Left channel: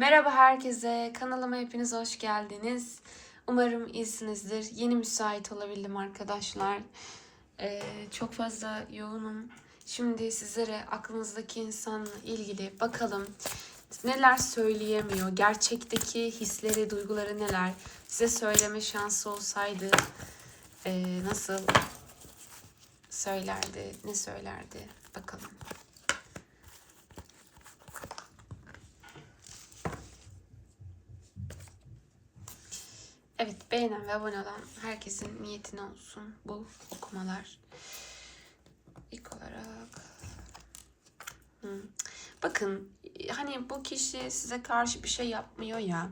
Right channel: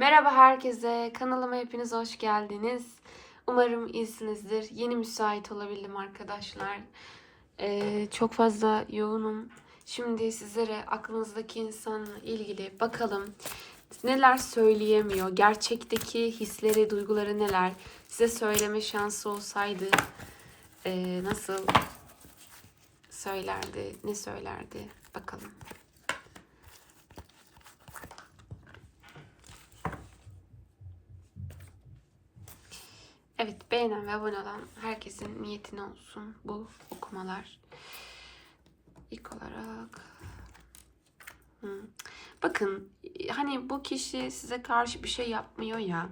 Merhaba herkese. Kanalıma hepiniz hoş geldiniz. Umarım iyisinizdir. Yeni müsait olabildim arkadaşlar. Ee, çok fazla yoğunum. Şimdi sizlere aklınızdaki insanla ilgili bakalım neler söyleyemiyor, gerçekteki hisleri, duyguları neler, size söyleme şansı olsaydı ee, nasıl söylerdi, ne söylerdi bakalım. Evet beğenen ve abone olan herkesin niyetine olsun bu okumalar. İlk olarak hmm. bakın hani bu kişi size karşı bir şey yapmıyor ya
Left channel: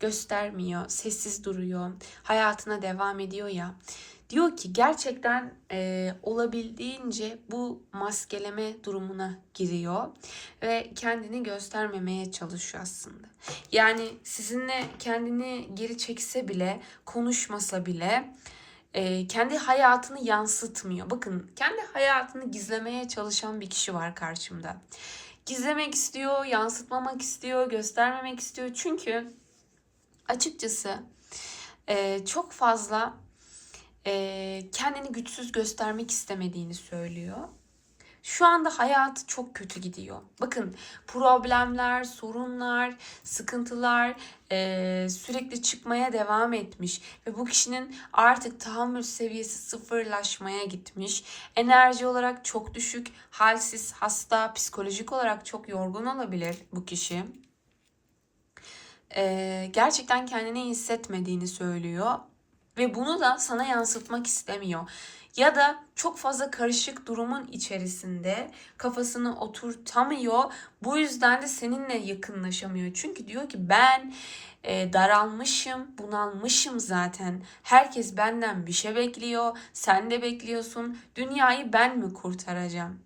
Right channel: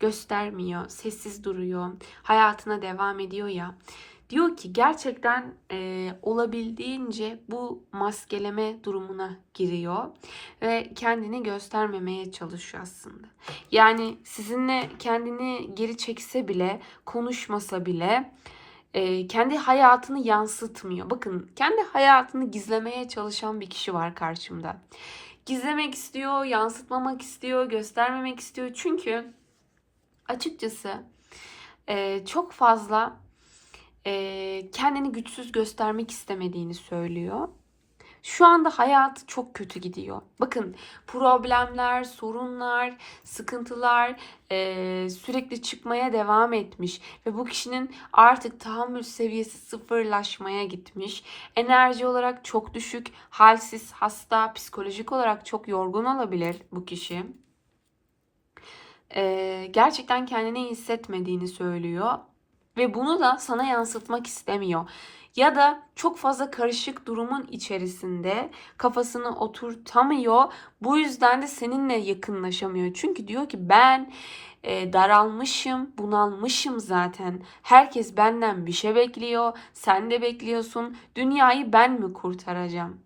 göstermiyor sessiz duruyor hayatına devam ediyor ya diyor ki gerçekten e, olabildiğince bu maskeleme durumuna giriyor ve kendini göstermemeye çalışıyor aslında. Yani sizinle kendini geri çekse bile, konuşmasa bile e, kendi hayatını yansıtmıyor. Bakın kendi hayatını gizlemeye çalışan bir kişi var karşımda. Gizlemek istiyor, yansıtmamak istiyor, göstermemek istiyor. Çünkü açıkçası e, çok fazla kendini güçsüz göstermek istemediğini söylüyor. Şu anda hayatı çok kötü gidiyor. Bakın problemler, sorunlar, sıkıntılar e, sürekli çıkmaya devam etmiş ve bu kişinin artık tahammül seviyesi sıfırlaşmaya gitmiş. Enerji olarak çok düşük, halsiz, hasta, psikolojik olarak çok yorgun olabilir bu kişi. E, gerçekten kendini iyi hissetmediğini söylüyor ve bunu da sana yansıtmak istemiyor. Ya da çok fazla karışık durumun içerisinde kafasını oturtamıyor. Bu yüzden de seninle yakınlaşamıyor. Çünkü diyor ki ben e, daralmışım, bunalmışım zaten. Herkes benden bir şey bekliyor. Sen de bekliyorsun. Dünyayı ben mi kurtaracağım?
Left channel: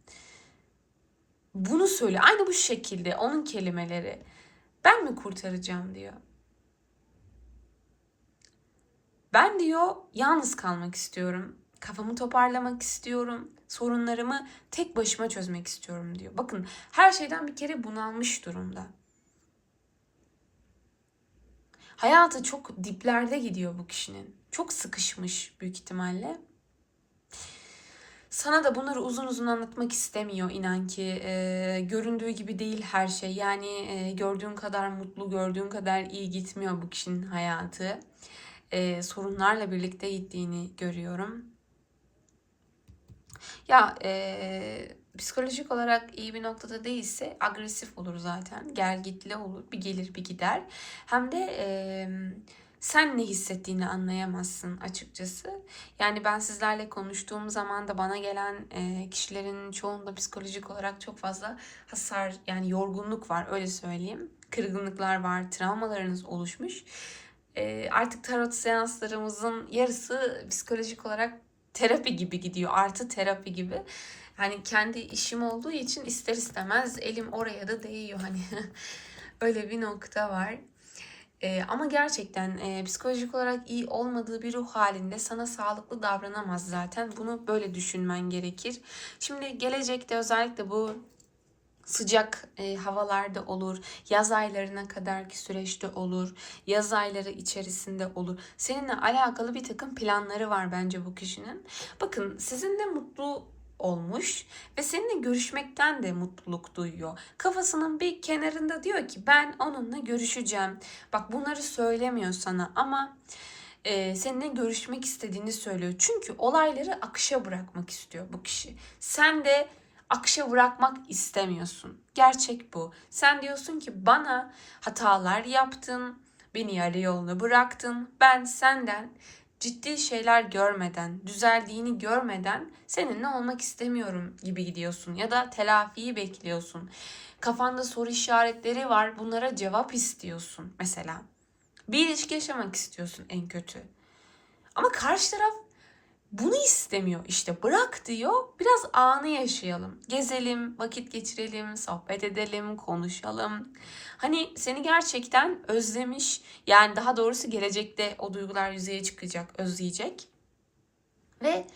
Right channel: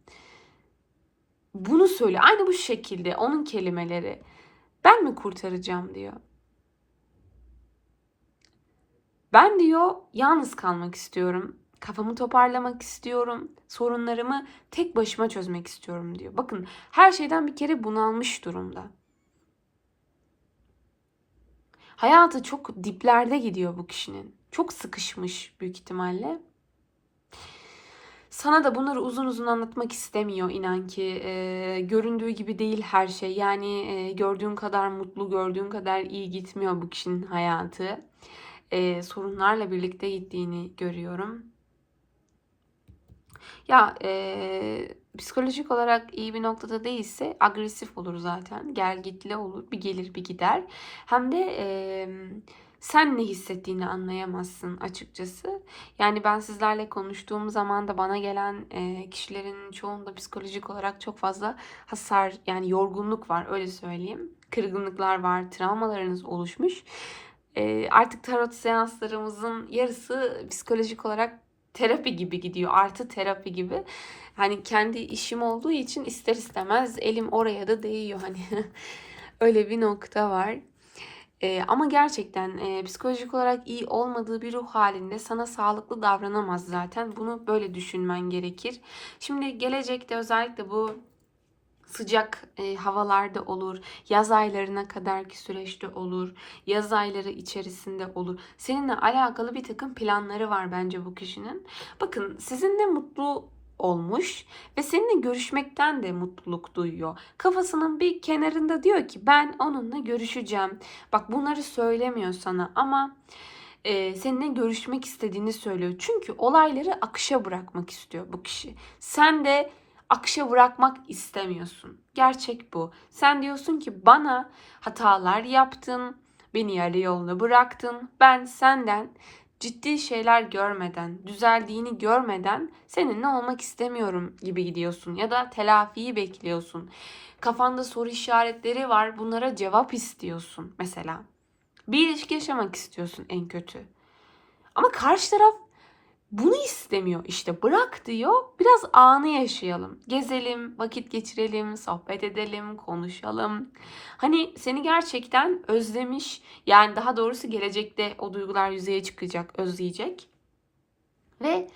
Bunu söyle. Aynı bu şekilde onun kelimeleri. Ben mi kurtaracağım diyor. Ben diyor yalnız kalmak istiyorum. Kafamı toparlamak istiyorum. Sorunlarımı tek başıma çözmek istiyorum diyor. Bakın her şeyden bir kere bunalmış durumda. Hayatı çok diplerde gidiyor bu kişinin. Çok sıkışmış büyük ihtimalle. Sana da bunları uzun uzun anlatmak istemiyor inan ki. E, göründüğü gibi değil her şey. Yani e, gördüğün kadar mutlu, gördüğün kadar iyi gitmiyor bu kişinin hayatı. E, sorunlarla birlikte gittiğini görüyorum. Ya e, psikolojik olarak iyi bir noktada değilse agresif olur zaten. Gergitli olur. Bir gelir bir gider. Hem de e, sen ne hissettiğini anlayamazsın açıkçası. Yani ben sizlerle konuştuğum zaman da bana gelen e, kişilerin çoğunda psikolojik olarak çok fazla hasar yani yorgunluk var öyle söyleyeyim. Kırgınlıklar var, travmalarınız oluşmuş. E, artık tarot seanslarımızın yarısı psikolojik olarak terapi gibi gidiyor. Artı terapi gibi. Hani kendi işim olduğu için ister istemez elim oraya da değiyor. Hani öyle bir nokta var. Ee, ama gerçekten e, psikolojik olarak iyi olmadığı bir ruh halinde sana sağlıklı davranamaz zaten. Bunu böyle düşünmen gerekir. Şimdi gelecekte özellikle bu sıcak e, havalarda olur, yaz aylarına kadarki süreçte olur, yaz ayları içerisinde olur. Seninle alakalı bir takım planları var bence bu kişinin. Bakın sizinle mutlu olmuş ve seninle görüşmekten de mutluluk duyuyor. Kafasının bir kenarında diyor ki ben onunla görüşeceğim. Bak bunları söylemiyor sana ama e, seninle görüşmek istediğini söylüyor. Çünkü olayları akışa bırakmak istiyor bu kişi. Sen de akışa bırakmak istemiyorsun. Gerçek bu. Sen diyorsun ki bana hatalar yaptın, beni yarı yolda bıraktın. Ben senden ciddi şeyler görmeden, düzeldiğini görmeden seninle olmak istemiyorum gibi gidiyorsun ya da telafiyi bekliyorsun. Kafanda soru işaretleri var. Bunlara cevap istiyorsun mesela. Bir ilişki yaşamak istiyorsun en kötü. Ama karşı taraf bunu istemiyor işte bırak diyor biraz anı yaşayalım. Gezelim, vakit geçirelim, sohbet edelim, konuşalım. Hani seni gerçekten özlemiş yani daha doğrusu gelecekte o duygular yüzeye çıkacak, özleyecek. Ve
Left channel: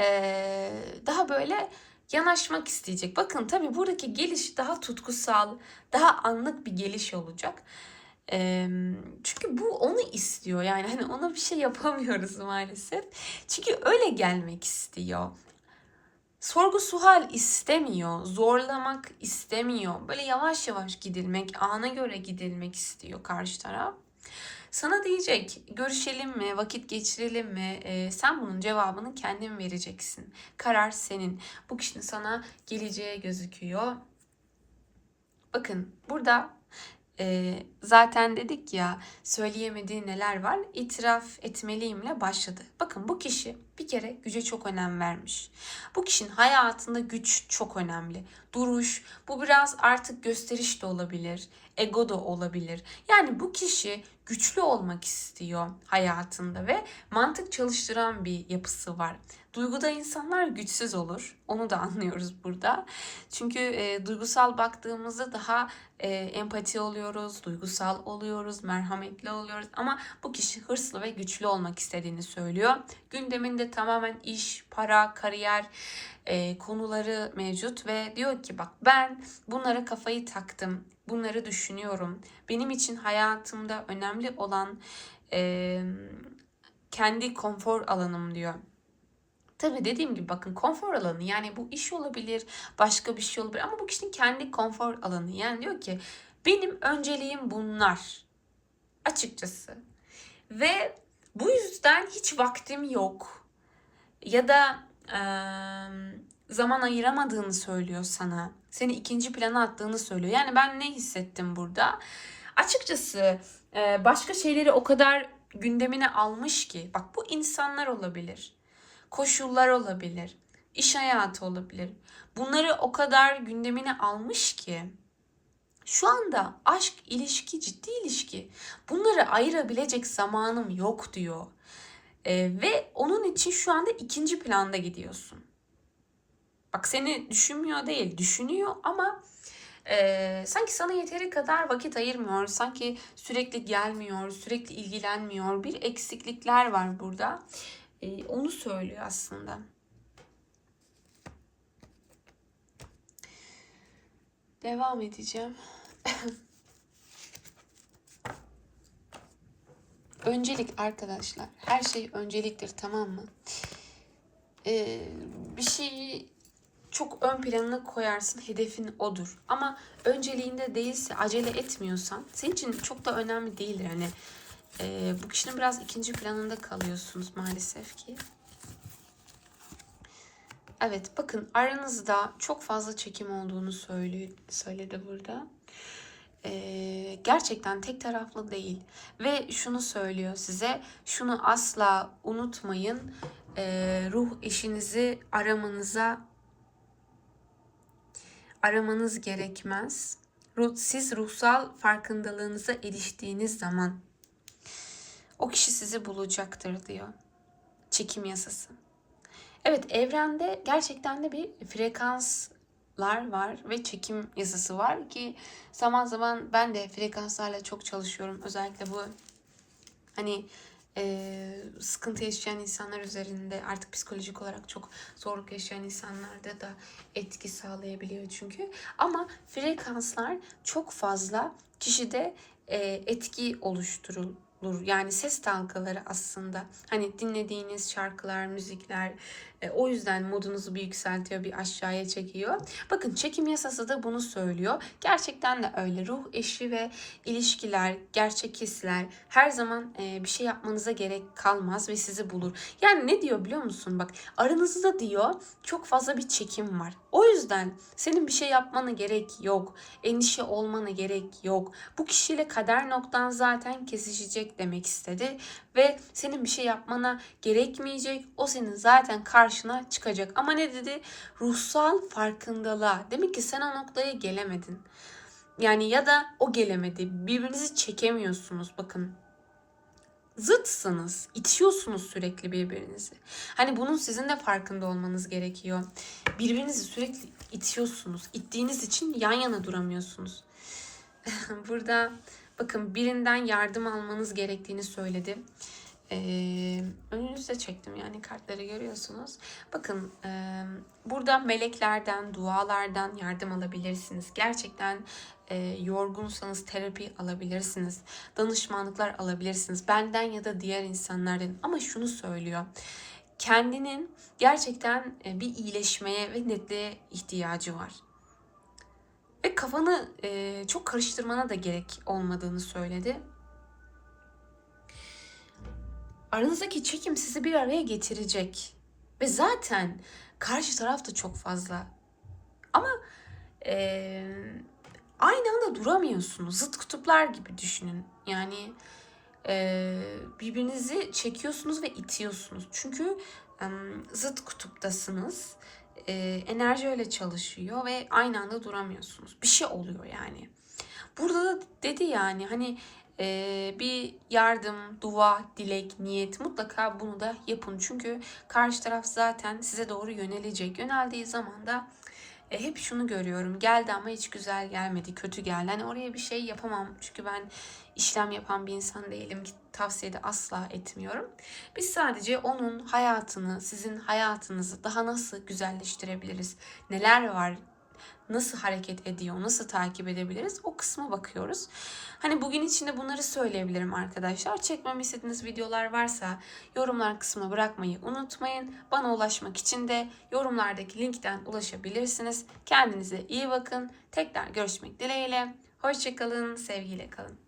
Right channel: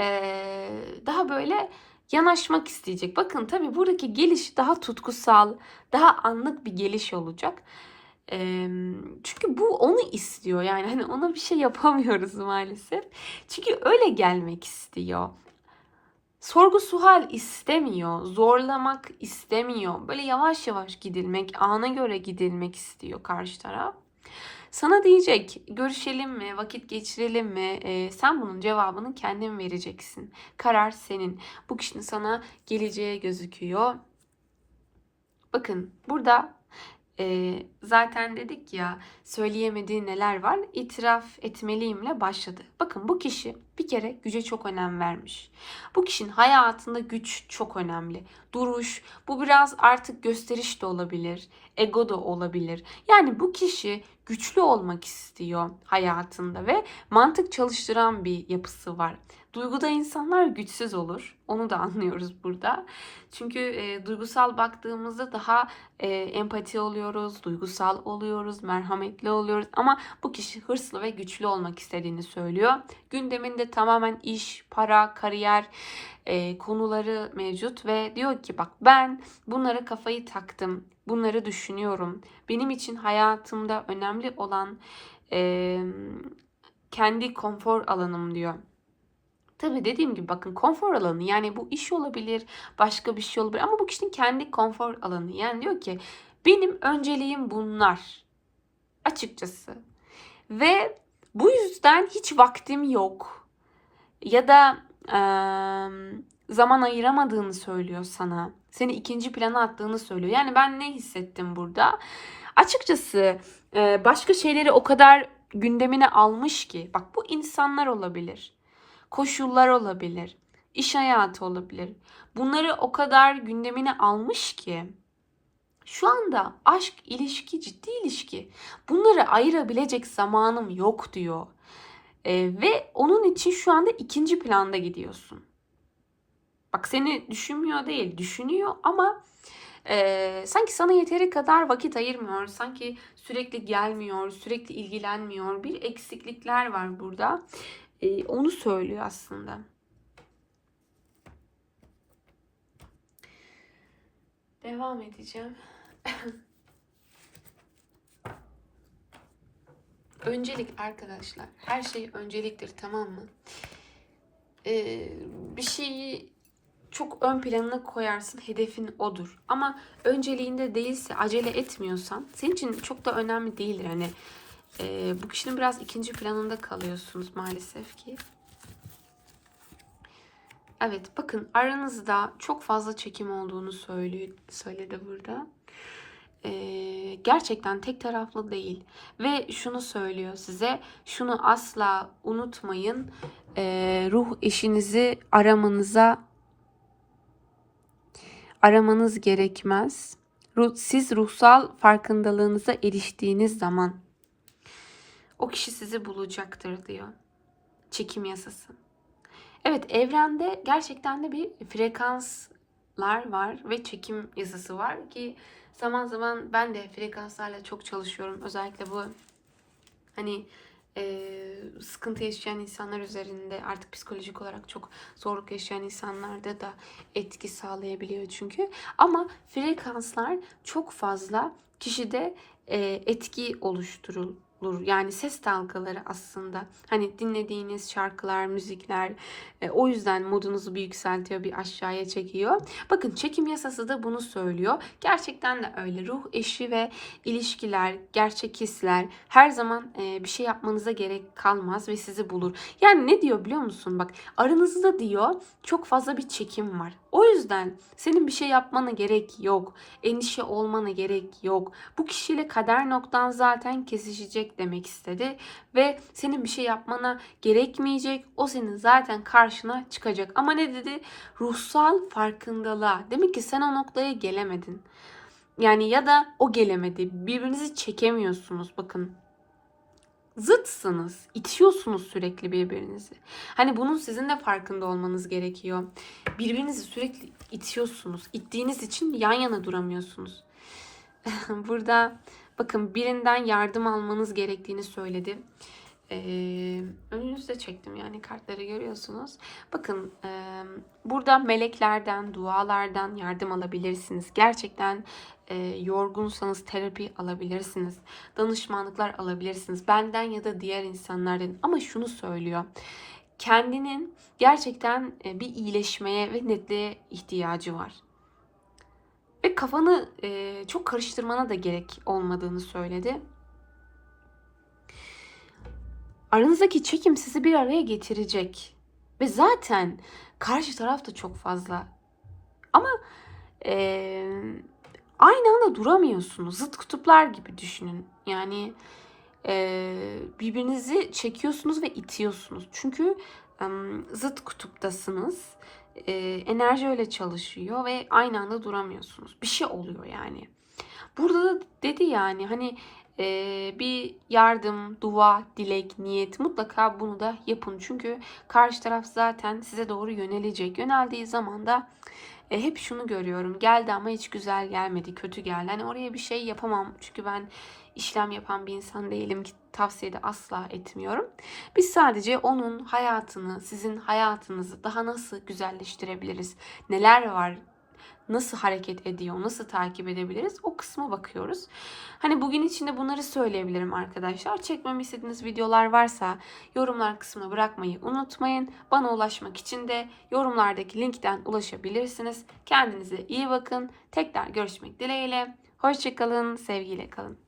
ee, daha böyle yanaşmak isteyecek. Bakın tabii buradaki geliş daha tutkusal, daha anlık bir geliş olacak. Çünkü bu onu istiyor. Yani hani ona bir şey yapamıyoruz maalesef. Çünkü öyle gelmek istiyor. Sorgu sual istemiyor. Zorlamak istemiyor. Böyle yavaş yavaş gidilmek, ana göre gidilmek istiyor karşı taraf. Sana diyecek görüşelim mi, vakit geçirelim mi? Ee, sen bunun cevabını kendin vereceksin. Karar senin. Bu kişinin sana geleceğe gözüküyor. Bakın burada e, zaten dedik ya söyleyemediği neler var itiraf etmeliyimle başladı. Bakın bu kişi bir kere güce çok önem vermiş. Bu kişinin hayatında güç çok önemli. Duruş bu biraz artık gösteriş de olabilir. Ego da olabilir. Yani bu kişi güçlü olmak istiyor hayatında ve mantık çalıştıran bir yapısı var. Duyguda insanlar güçsüz olur. Onu da anlıyoruz burada. Çünkü e, duygusal baktığımızda daha e, empati oluyoruz, duygusal oluyoruz, merhametli oluyoruz. Ama bu kişi hırslı ve güçlü olmak istediğini söylüyor. Gündeminde tamamen iş, para, kariyer e, konuları mevcut ve diyor ki bak ben bunlara kafayı taktım, bunları düşünüyorum. Benim için hayatımda önemli olan e, kendi konfor alanım diyor. Tabii dediğim gibi bakın konfor alanı yani bu iş olabilir, başka bir şey olabilir ama bu kişinin kendi konfor alanı. Yani diyor ki benim önceliğim bunlar açıkçası. Ve bu yüzden hiç vaktim yok. Ya da e, zaman ayıramadığını söylüyor sana. Seni ikinci plana attığını söylüyor. Yani ben ne hissettim burada? Açıkçası e, başka şeyleri o kadar gündemine almış ki. Bak bu insanlar olabilir koşullar olabilir, iş hayatı olabilir. Bunları o kadar gündemine almış ki şu anda aşk, ilişki, ciddi ilişki bunları ayırabilecek zamanım yok diyor. Ee, ve onun için şu anda ikinci planda gidiyorsun. Bak seni düşünmüyor değil, düşünüyor ama e, sanki sana yeteri kadar vakit ayırmıyor. Sanki sürekli gelmiyor, sürekli ilgilenmiyor. Bir eksiklikler var burada. E, onu söylüyor aslında. Devam edeceğim. Öncelik arkadaşlar. Her şey önceliktir tamam mı? Ee, bir şeyi çok ön planına koyarsın. Hedefin odur. Ama önceliğinde değilse acele etmiyorsan senin için çok da önemli değildir. Hani e, bu kişinin biraz ikinci planında kalıyorsunuz maalesef ki. Evet bakın aranızda çok fazla çekim olduğunu söyledi burada. Ee, gerçekten tek taraflı değil. Ve şunu söylüyor size. Şunu asla unutmayın. Ee, ruh eşinizi aramanıza aramanız gerekmez. Siz ruhsal farkındalığınıza eriştiğiniz zaman o kişi sizi bulacaktır diyor. Çekim yasası. Evet evrende gerçekten de bir frekanslar var ve çekim yasası var ki zaman zaman ben de frekanslarla çok çalışıyorum. Özellikle bu hani e, sıkıntı yaşayan insanlar üzerinde artık psikolojik olarak çok zorluk yaşayan insanlarda da etki sağlayabiliyor çünkü. Ama frekanslar çok fazla kişide e, etki oluşturul olur. Yani ses dalgaları aslında. Hani dinlediğiniz şarkılar, müzikler e, o yüzden modunuzu bir yükseltiyor, bir aşağıya çekiyor. Bakın çekim yasası da bunu söylüyor. Gerçekten de öyle. Ruh eşi ve ilişkiler, gerçek hisler her zaman e, bir şey yapmanıza gerek kalmaz ve sizi bulur. Yani ne diyor biliyor musun? Bak aranızda diyor çok fazla bir çekim var. O yüzden senin bir şey yapmana gerek yok. Endişe olmana gerek yok. Bu kişiyle kader noktan zaten kesişecek demek istedi. Ve senin bir şey yapmana gerekmeyecek. O senin zaten karşına çıkacak. Ama ne dedi? Ruhsal farkındalığa. Demek ki sen o noktaya gelemedin. Yani ya da o gelemedi. Birbirinizi çekemiyorsunuz. Bakın zıtsınız. itiyorsunuz sürekli birbirinizi. Hani bunun sizin de farkında olmanız gerekiyor. Birbirinizi sürekli itiyorsunuz. İttiğiniz için yan yana duramıyorsunuz. Burada bakın birinden yardım almanız gerektiğini söyledi. Ee, önünüzde çektim yani kartları görüyorsunuz. Bakın e, burada meleklerden, dualardan yardım alabilirsiniz. Gerçekten e, yorgunsanız terapi alabilirsiniz. Danışmanlıklar alabilirsiniz. Benden ya da diğer insanlardan. Ama şunu söylüyor. Kendinin gerçekten e, bir iyileşmeye ve netliğe ihtiyacı var. Ve kafanı e, çok karıştırmana da gerek olmadığını söyledi. Aranızdaki çekim sizi bir araya getirecek. Ve zaten karşı taraf da çok fazla. Ama e, aynı anda duramıyorsunuz. Zıt kutuplar gibi düşünün. Yani e, birbirinizi çekiyorsunuz ve itiyorsunuz. Çünkü e, zıt kutuptasınız. E, enerji öyle çalışıyor ve aynı anda duramıyorsunuz. Bir şey oluyor yani. Burada da dedi yani hani e, bir yardım, dua, dilek, niyet mutlaka bunu da yapın. Çünkü karşı taraf zaten size doğru yönelecek. Yöneldiği zaman da e, hep şunu görüyorum. Geldi ama hiç güzel gelmedi, kötü geldi. Hani oraya bir şey yapamam. Çünkü ben işlem yapan bir insan değilim ki tavsiye de asla etmiyorum. Biz sadece onun hayatını, sizin hayatınızı daha nasıl güzelleştirebiliriz? Neler var? Nasıl hareket ediyor? Nasıl takip edebiliriz? O kısma bakıyoruz. Hani bugün içinde bunları söyleyebilirim arkadaşlar. Çekmemi istediğiniz videolar varsa yorumlar kısmına bırakmayı unutmayın. Bana ulaşmak için de yorumlardaki linkten ulaşabilirsiniz. Kendinize iyi bakın. Tekrar görüşmek dileğiyle. Hoşçakalın, sevgiyle kalın.